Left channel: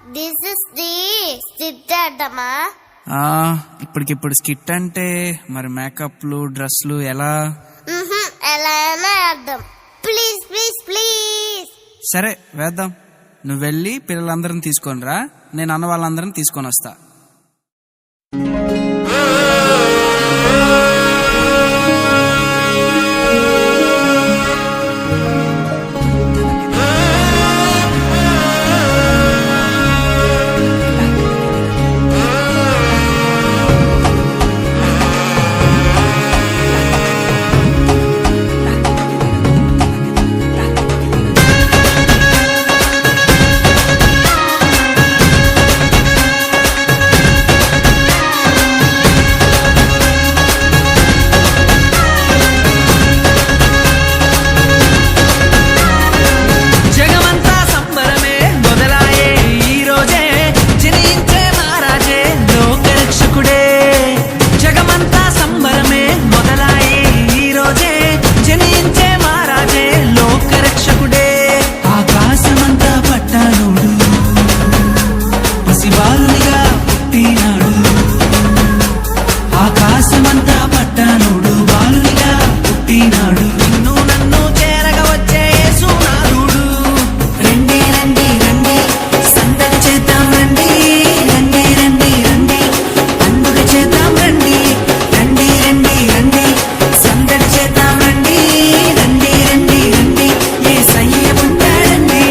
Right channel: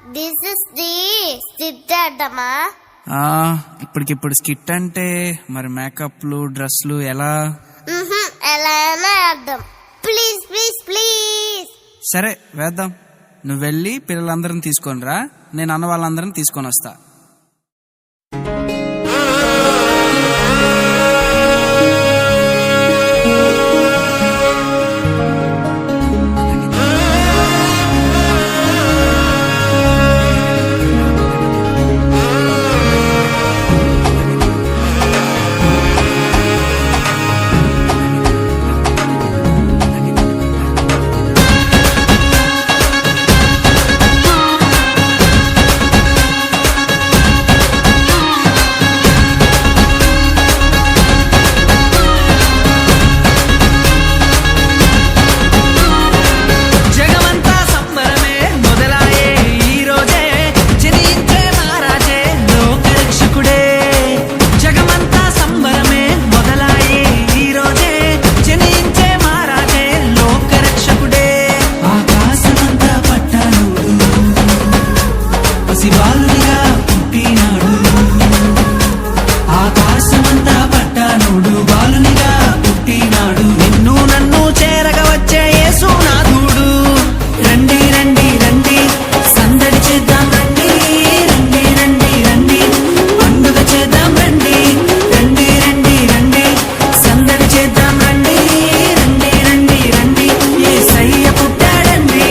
This is the skit అడ్డమా? ఇప్పటికిప్పుడు skit అంటే మరి మేకప్లు డ్రెస్లు ఎలా? ఎలా అయినా అర్థం. Please please please. సరే వేద్దాం. నువ్వు వెళ్ళి పిల్లలందరిని తీసుకొని రా, నేను అన్న వాళ్ళందరిని తీసుకొని వస్తా. జగమంతా సంబరమే మొదలాయే ఈ రోజే, జనించే మహారాజే లోకరక్షకుడే. ఆకాశమంతా పట్టానుడు పసిబాలునిగా పుట్టినాడు. ఆకాశమంతా పట్టానుడు బాలునిగా పుట్టినాడు. నిన్ను నన్ను చేరగా వచ్చే యేసునాథుడు. రండి రండి రండి సందడి చేద్దాం రండి. రండి రండి రండి పండుగ చేద్దాం రండి. రండి రండి రండి సందడి చేద్దాం రండి. రండి రండి రండి యేసయ్య పుట్టాడండి.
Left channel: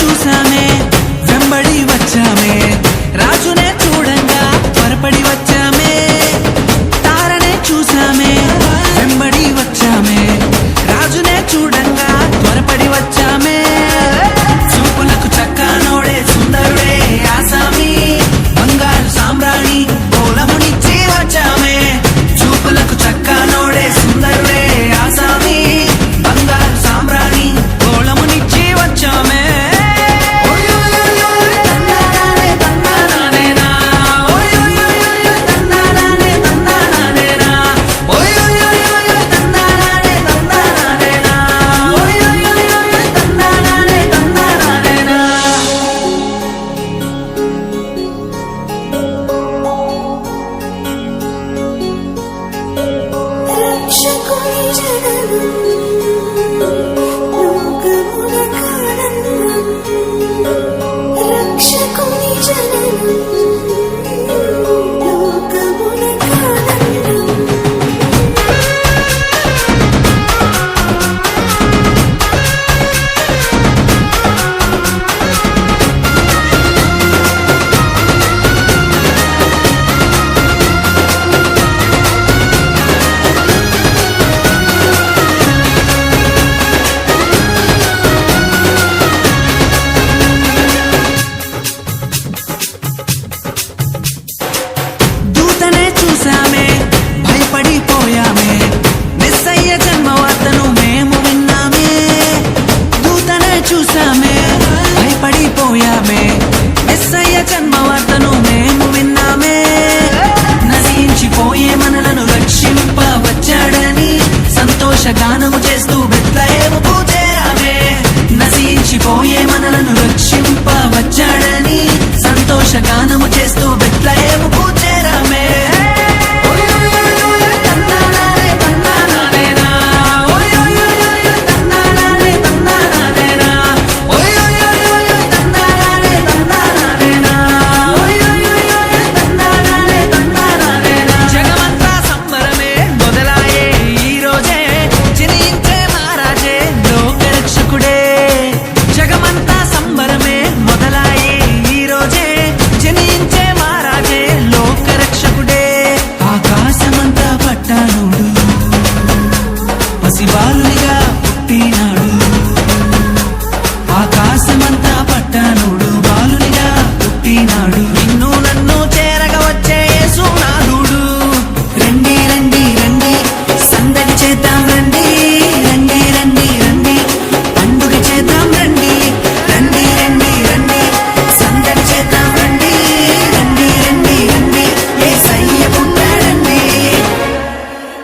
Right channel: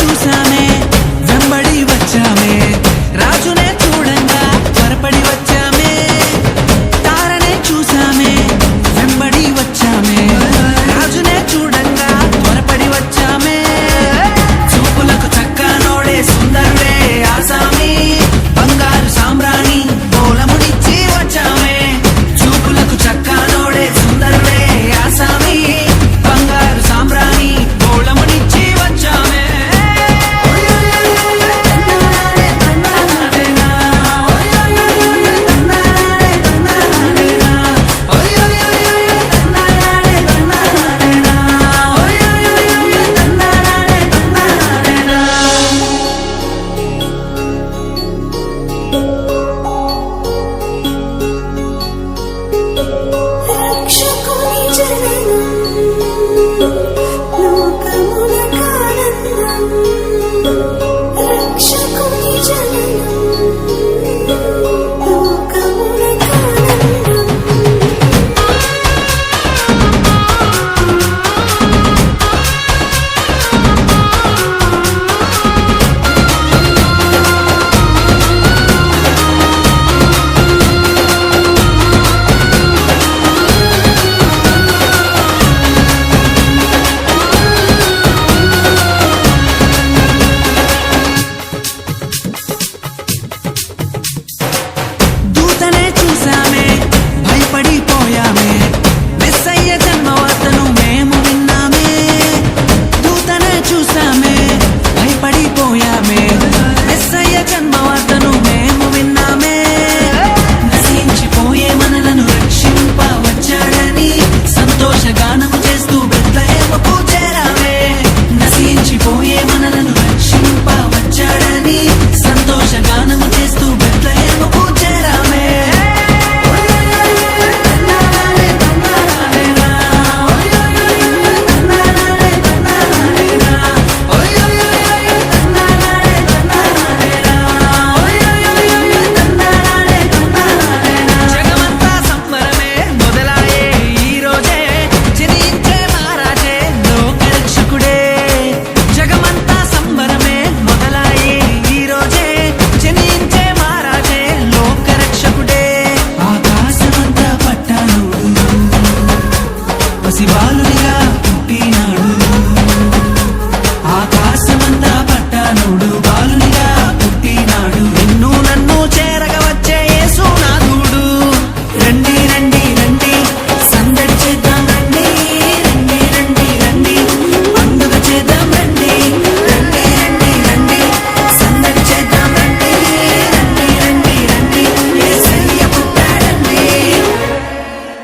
చూసామే వెంబడి వచ్చామే, రాజునే చూడంగా త్వరపడి వచ్చామే. తారనే చూసామే వెంబడి వచ్చామే, రాజునే చూడంగా త్వరపడి వచ్చామే. చూపులకు చక్కనోడే సుందరుడే ఆసామి, బంగారు సామ్రాణి పోలమునిచ్చి వచ్చామే. చూపులకు చక్కనోడే సుందరుడే ఆసామి, బంగారు సామ్రాణి పోలమునిచ్చి వచ్చామే. చూసామే భయపడిపోయామే, మెస్సయ్య జన్మవార్తను మేము విన్నామే. దూతనే చూసామే భయపడిపోయామే, మెస్సయ్య జన్మవార్తను మేము విన్నామే. నశించిపోయే మనలను రక్షింప వచ్చాడని సంతోషగానము చేస్తూ బెత్లెహేముకు చేరామే. నశించిపోయే మనలను రక్షింప వచ్చాడని సంతోషగానము చేస్తూ బెత్లెహేముకు చేరామే. జగమంతా సంబరమే మొదలాయే ఈ రోజే, జనించే మహారాజే లోకరక్షకుడే. జగమంతా సంబరమే మొదలాయే ఈ రోజే, జనించే మహారాజే లోకరక్షకుడే. ఆకాశమంతా పట్టానుడు పసిబాలునిగా పుట్టినాడు ఆకాశమంతా పట్టానుడు బాలుని